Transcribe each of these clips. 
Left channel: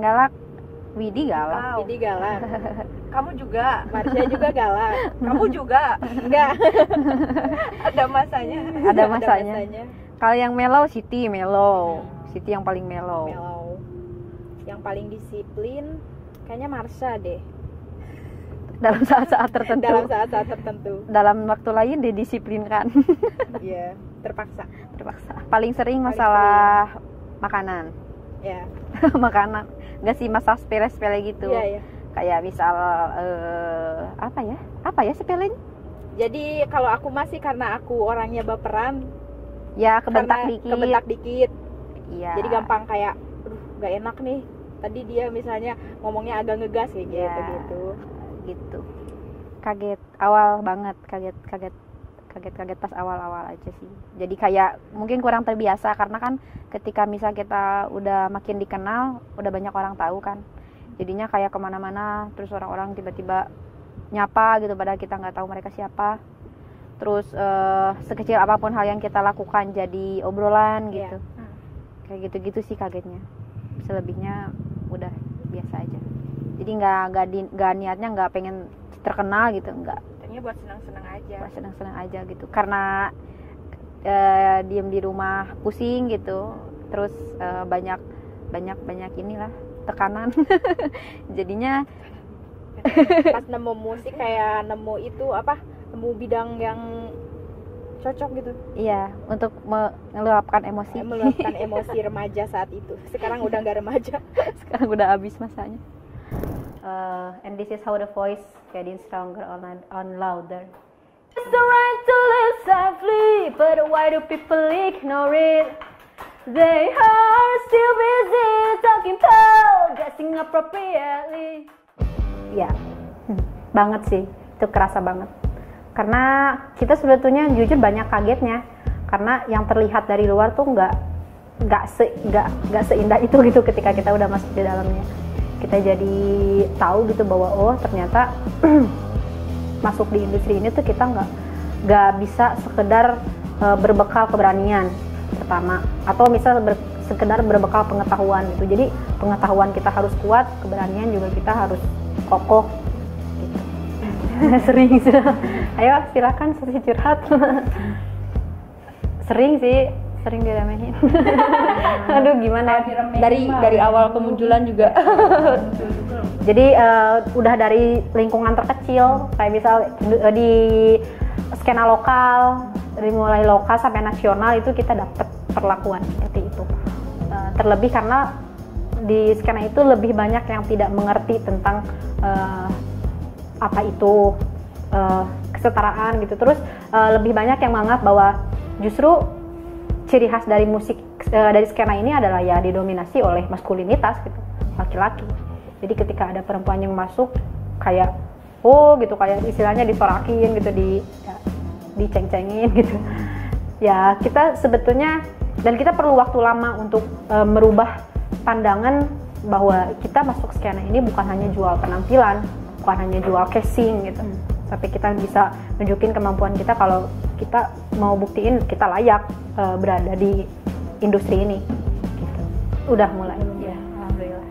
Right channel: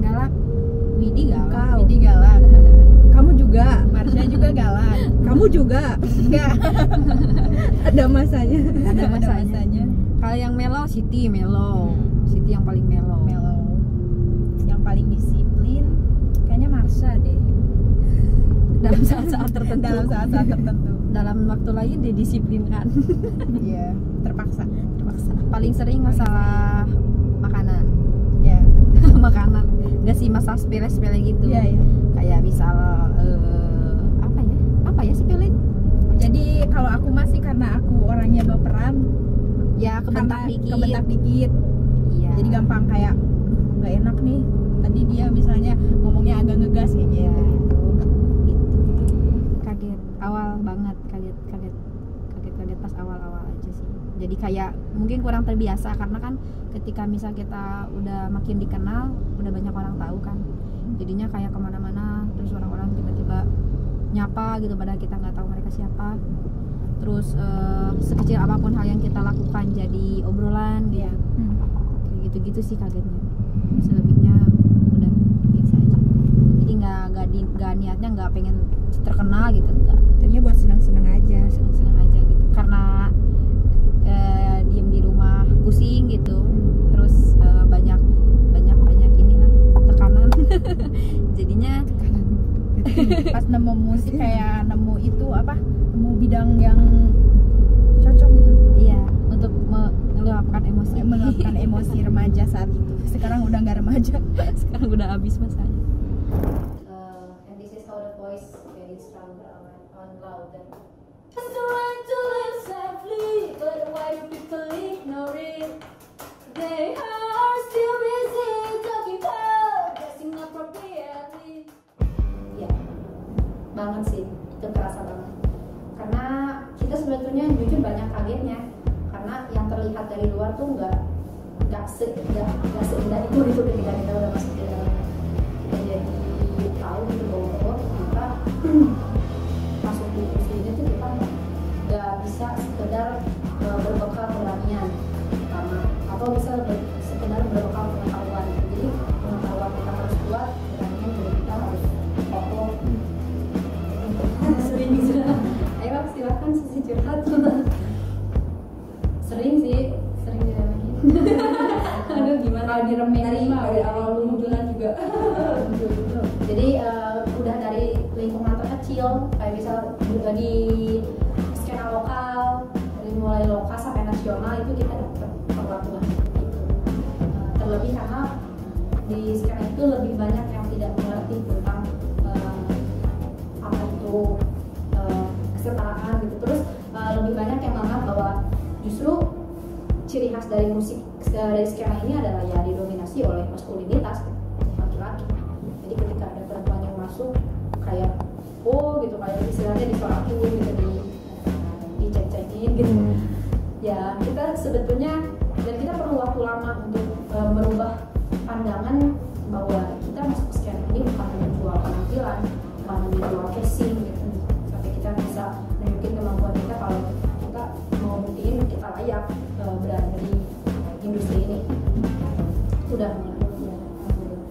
galak, Widi galak. Widi galak. Kamu juga, Marsha juga galak. Kamu juga enggak. Ada masanya. Ada masanya. Kalau yang mellow, Siti mellow. Siti yang paling mellow. Yang paling disiplin kayaknya Marsha deh. Dalam saat-saat tertentu. Dalam waktu lain didisiplinkan. Iya, terpaksa. Paling sering masalah makanan. Ya. Makanan. Enggak sih, masalah sepele-sepele gitu. Iya. Kayak misal apa ya sepele? Jadi kalau aku masih karena aku orangnya baperan. Ya, kebentak dikit. Iya. Jadi gampang kayak nggak enak nih. Tadi dia misalnya ngomongnya agak ngegas kayak gitu. Kaget pas awal-awal aja sih. Jadi kayak mungkin kurang terbiasa karena kan ketika misal kita udah makin dikenal, udah banyak orang tahu kan. Jadinya kayak kemana-mana, terus orang-orang tiba-tiba nyapa gitu padahal kita nggak tahu mereka siapa. Terus sekecil apapun hal yang kita lakukan jadi obrolan gitu. Kayak gitu-gitu sih kagetnya. Selebihnya udah biasa aja. Jadi nggak niatnya nggak pengen terkenal gitu, enggak. Tadinya buat senang-senang aja gitu. Karena diem di rumah pusing gitu. Terus banyak inilah tekanan. Jadinya pas nemu musik kayak nemu bidang yang cocok gitu. Iya, untuk meluapkan emosi remaja saat itu. Sekarang udah nggak remaja. Sekarang udah habis masanya. And this is how the voice getting stronger on louder. It's the right to live safely, but why do people ignore it? They are still busy talking tall, dressing appropriately. Ya, banget sih, itu kerasa banget. Karena kita sebetulnya jujur banyak kagetnya, karena yang terlihat dari luar tuh nggak seindah itu gitu ketika kita udah masuk di dalamnya. Kita jadi tahu gitu bahwa oh ternyata masuk di industri ini tuh kita nggak bisa sekedar berbekal keberanian pertama, atau misal sekedar berbekal pengetahuan gitu. Jadi pengetahuan kita harus kuat, keberanian juga kita harus kokoh. Sering sudah. Ayo silakan curhat. Sering diremehin. Aduh gimana, dari awal kemunculan juga. Jadi udah dari lingkungan terkecil, kayak misal di skena lokal, dari mulai lokal sampai nasional itu kita dapat perlakuan seperti itu. Terlebih karena di skena itu lebih banyak yang tidak mengerti tentang apa itu kesetaraan gitu. Terus lebih banyak yang menganggap bahwa justru ciri khas dari musik dari skena ini adalah ya didominasi oleh maskulinitas gitu, laki-laki. Jadi ketika ada perempuan yang masuk kayak gitu, kayak istilahnya disorakin gitu, diceng-cengin gitu. Ya kita sebetulnya, dan kita perlu waktu lama untuk merubah pandangan bahwa kita masuk skena ini bukan hanya jual penampilan, bukan hanya jual casing gitu, tapi kita bisa nunjukin kemampuan kita kalau kita mau buktiin kita layak berada di industri ini. Udah mulai ya, alhamdulillah.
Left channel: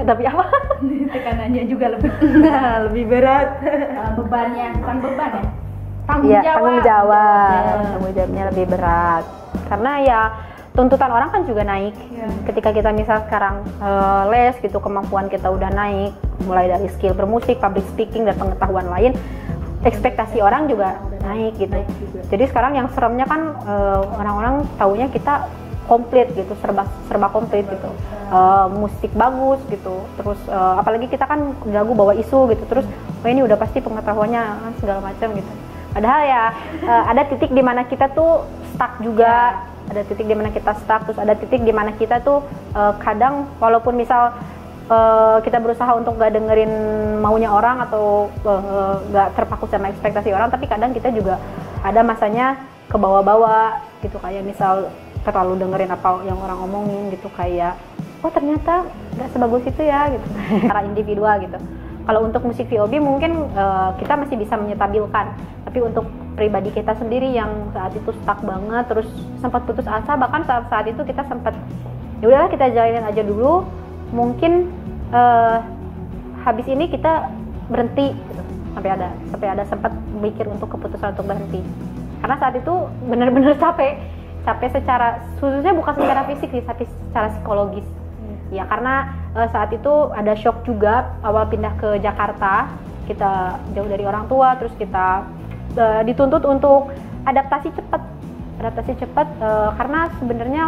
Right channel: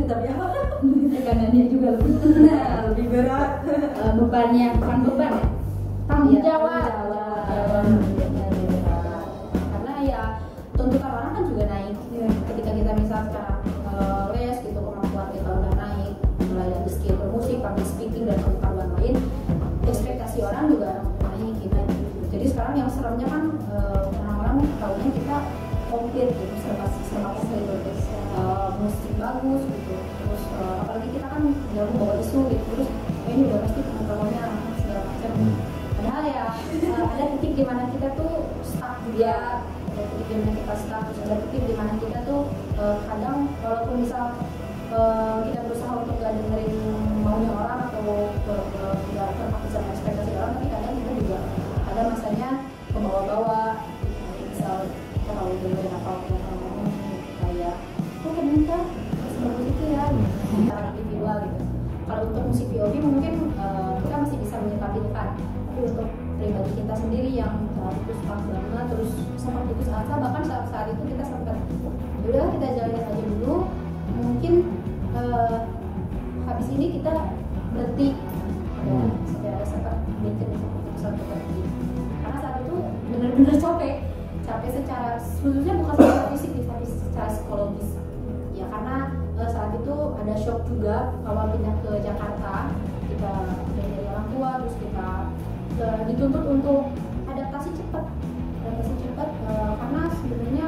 Tapi apa? Tekanannya juga lebih berat. Bebannya bukan beban ya. Tanggung jawabnya lebih berat. Karena ya tuntutan orang kan juga naik. Ketika kita misal sekarang les gitu, kemampuan kita udah naik, mulai dari skill bermusik, public speaking dan pengetahuan lain, ekspektasi orang juga naik gitu. Jadi sekarang yang seremnya kan orang-orang taunya kita komplit gitu, serba komplit gitu, musik bagus gitu, terus apalagi kita kan jago bawa isu gitu, terus ini udah pasti pengetahuannya segala macam gitu. Padahal ya ada titik di mana kita tuh stuck juga, ada titik di mana kita stuck, terus ada titik di mana kita tuh kadang walaupun misal kita berusaha untuk gak dengerin maunya orang atau gak terpaku sama ekspektasi orang, tapi kadang kita juga ada masanya ke bawah-bawah gitu, kayak misal terlalu dengerin apa yang orang ngomongin gitu, kayak oh ternyata gak sebagus itu ya gitu, secara individual gitu. Kalau untuk musik VOB mungkin kita masih bisa menyetabilkan, tapi untuk pribadi kita sendiri yang saat itu stuck banget, terus sempat putus asa, bahkan saat itu kita sempat ya udahlah kita jalanin aja dulu, mungkin habis ini kita berhenti sampai ada sempat mikir untuk keputusan untuk berhenti, karena saat itu benar-benar capek secara, khususnya bukan secara fisik sih, tapi secara psikologis ya, karena saat itu ada shock juga. Awal pindah ke Jakarta, kita jauh dari orang tua, terus kita dituntut untuk adaptasi cepat karena sebenarnya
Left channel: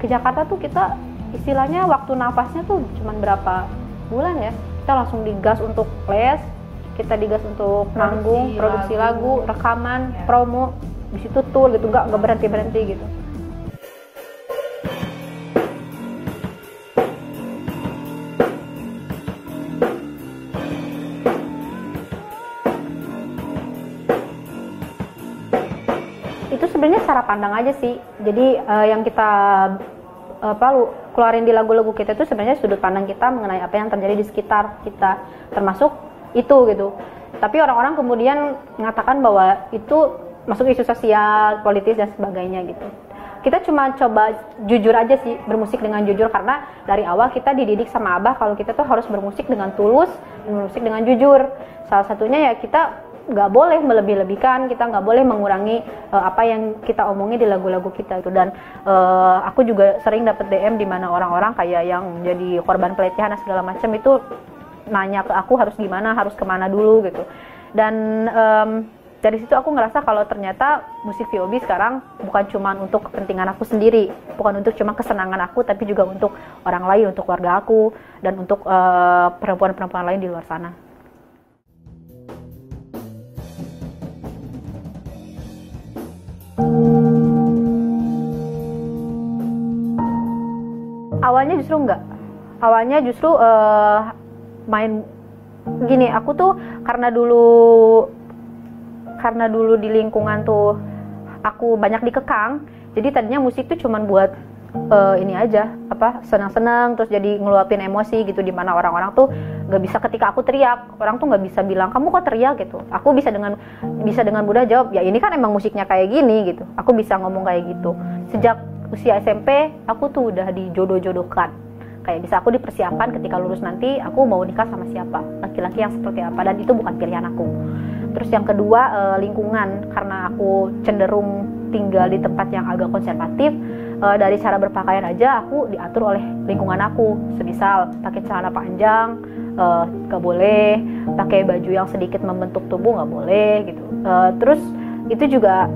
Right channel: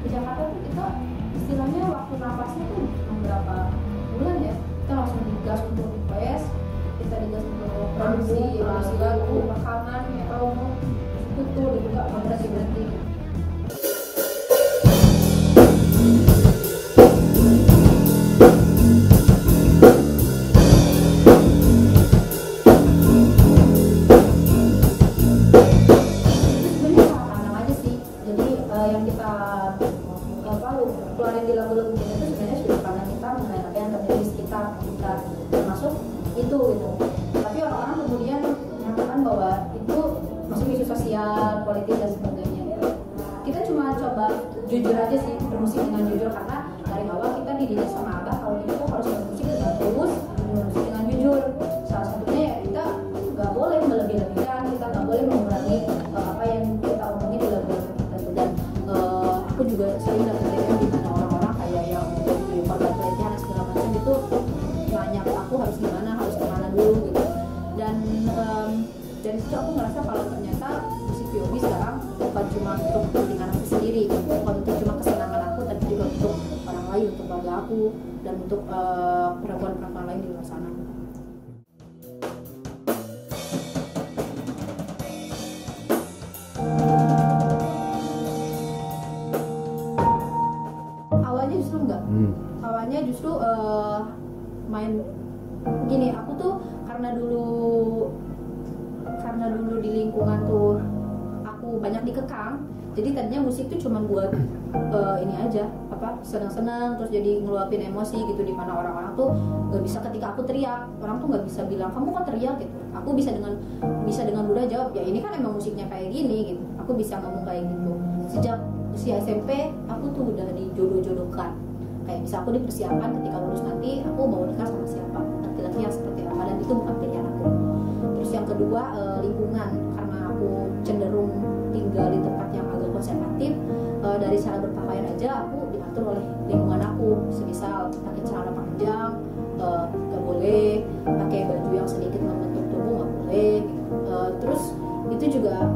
ke Jakarta tuh kita istilahnya waktu nafasnya tuh cuma berapa bulan ya, kita langsung digas untuk les, kita digas untuk manggung, produksi lagu, rekaman, promo, di situ tuh gitu, nggak berhenti gitu. Pandang aja sih, jadi yang kita keluarin di lagu-lagu kita itu sebenarnya sudut pandang kita mengenai apa yang terjadi di sekitar kita, termasuk itu gitu. Tapi orang-orang kemudian mengatakan bahwa itu masuk isu sosial, politis dan sebagainya gitu. Kita cuma coba jujur aja sih, bermusik dengan jujur, karena dari awal kita dididik sama Abah kalau kita tuh harus bermusik dengan tulus, bermusik dengan jujur. Salah satunya ya kita nggak boleh melebih-lebihkan, kita nggak boleh mengurangi apa yang kita omongin di lagu-lagu kita itu. Dan aku juga sering dapet DM di mana orang-orang kayak yang jadi korban pelecehan dan segala macam itu nanya ke aku harus gimana, harus kemana dulu gitu. Dan dari situ aku ngerasa kalau ternyata musik VOB sekarang bukan cuma untuk kepentingan aku sendiri, bukan untuk cuma kesenangan aku, tapi juga untuk orang lain, untuk keluarga aku, dan untuk perempuan-perempuan lain di luar sana. Awalnya justru enggak. Awalnya justru main gini, aku tuh karena dulu di lingkungan tuh aku banyak dikekang, jadi tadinya musik tuh cuman buat ini aja, senang-senang, terus jadi ngeluapin emosi gitu, dimana orang-orang tuh nggak bisa, ketika aku teriak, orang tuh nggak bisa bilang kamu kok teriak gitu. Aku bisa dengan mudah jawab, ya ini kan emang musiknya kayak gini gitu. Aku bisa ngomong kayak gitu. Sejak usia SMP aku tuh udah dijodoh-jodohkan, kayak bisa aku dipersiapkan ketika lulus nanti aku mau nikah sama siapa, laki-laki yang seperti apa, dan itu bukan pilihan aku. Terus yang kedua, lingkungan, karena aku cenderung tinggal di tempat yang agak konservatif, dari cara berpakaian aja aku diatur oleh lingkungan aku. Semisal pakai celana panjang gak boleh, pakai baju yang sedikit membentuk tubuh gak boleh gitu. Terus itu juga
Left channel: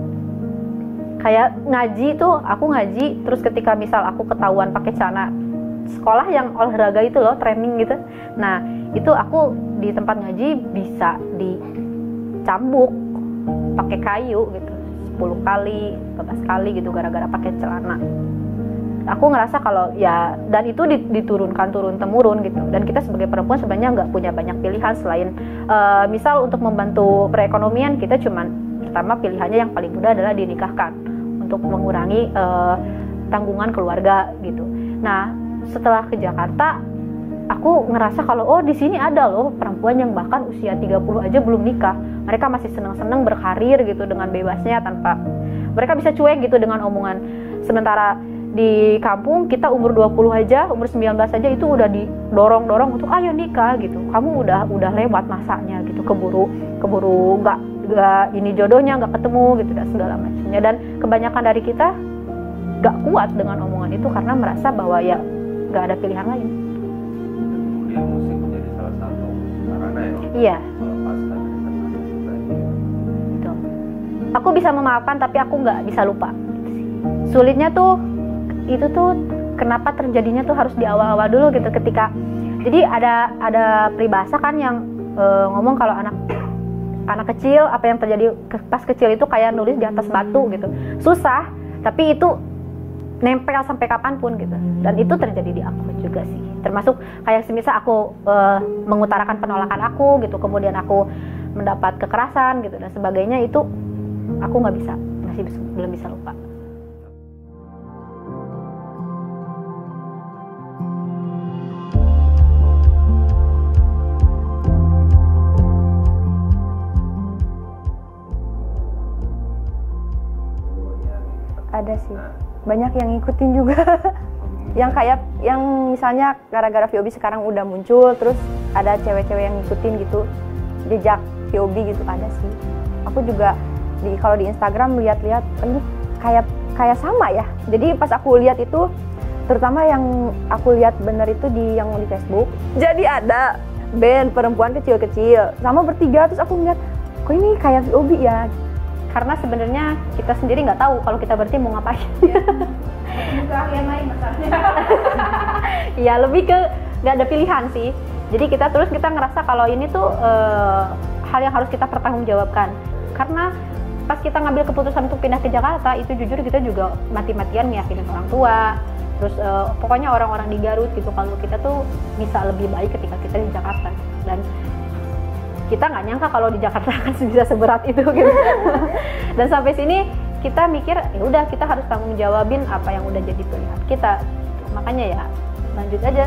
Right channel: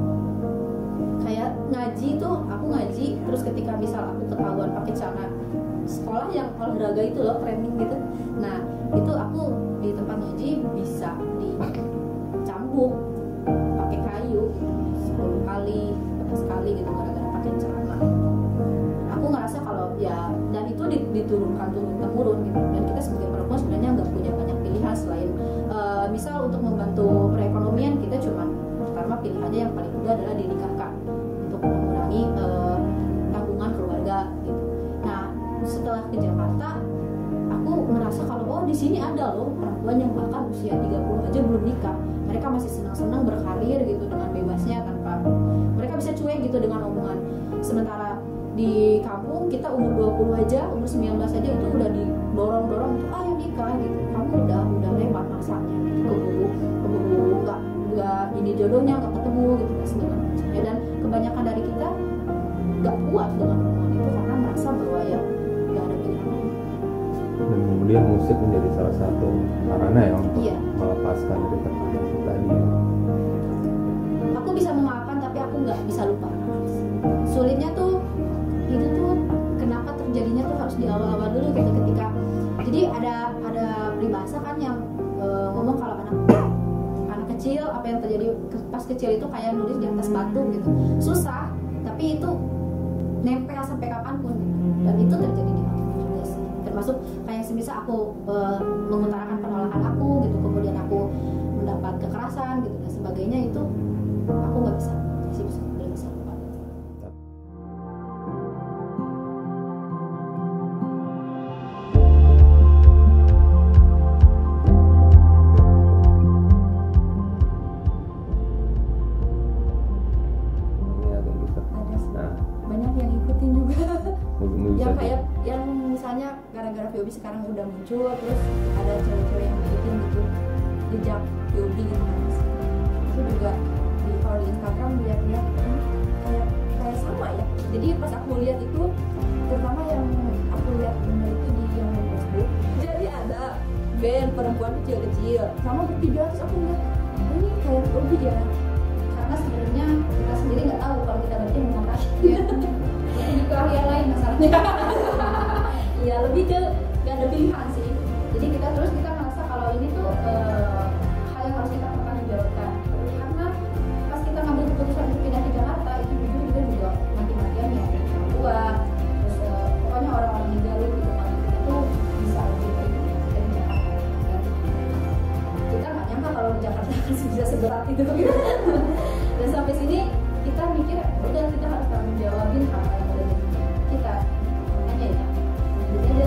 kayak ngaji tuh, aku ngaji, terus ketika misal aku ketahuan pakai celana sekolah yang olahraga itu loh, training gitu, nah itu aku di tempat ngaji bisa dicambuk pakai kayu gitu 10 kali, 15 kali gitu gara-gara pakai celana. Aku ngerasa kalau ya, dan itu diturunkan turun-temurun gitu, dan kita sebagai perempuan sebenarnya nggak punya banyak pilihan selain misal untuk membantu perekonomian, kita cuman pertama pilihannya yang paling mudah adalah dinikahkan untuk mengurangi tanggungan keluarga gitu. Nah setelah ke Jakarta aku ngerasa kalau di sini ada loh perempuan yang bahkan usia 30 aja belum nikah, mereka masih senang-senang berkarir gitu dengan bebasnya, tanpa mereka bisa cuek gitu dengan omongan. Sementara di kampung kita umur 20 aja, umur 19 aja itu udah didorong-dorong untuk ayo nikah gitu, kamu udah lewat masanya gitu, keburu nggak ini jodohnya nggak ketemu gitu dan segala macamnya. Dan kebanyakan dari kita nggak kuat dengan omongan itu karena merasa bahwa ya nggak ada pilihan lain. Kemudian musik menjadi salah satu sarana ya untuk melepaskan kedekatan itu tadi. Betul. Aku bisa memaafkan tapi aku nggak bisa lupa. Sulitnya tuh itu tuh kenapa terjadinya tuh harus di awal-awal dulu gitu, ketika jadi ada peribahasa kan yang ngomong kalau anak kecil apa yang terjadi pas kecil itu kayak nulis di atas batu gitu, susah tapi itu nempel sampai kapanpun gitu. Dan itu terjadi di aku juga sih, termasuk kayak semisal aku mengutarakan penolakan aku gitu, kemudian aku mendapat kekerasan gitu dan sebagainya, itu aku nggak bisa, belum bisa lupa. Ada sih, banyak yang ngikutin juga. Yang kayak yang misalnya gara-gara VOB sekarang udah muncul, terus ada cewek-cewek yang ngikutin gitu jejak VOB gitu, ada sih. Aku juga kalau di Instagram lihat-lihat ini kayak sama ya. Jadi pas aku lihat itu, terutama yang aku lihat bener itu yang di Facebook. Jadi ada band perempuan kecil-kecil sama bertiga, terus aku ngeliat kok ini kayak VOB ya. Karena sebenarnya kita sendiri nggak tahu kalau kita berarti mau ngapain. Itu keahlian lain masalahnya. Ya lebih ke nggak ada pilihan sih. Jadi kita ngerasa kalau ini tuh hal yang harus kita pertanggungjawabkan. Karena pas kita ngambil keputusan untuk pindah ke Jakarta, itu jujur kita juga mati-matian meyakinin orang tua. Terus pokoknya orang-orang di Garut gitu, kalau kita tuh bisa lebih baik ketika kita di Jakarta. Dan kita nggak nyangka kalau di Jakarta akan bisa seberat itu gitu. Dan sampai sini kita mikir ya udah, kita harus tanggung jawabin apa yang udah jadi pilihan kita. Makanya ya lanjut aja.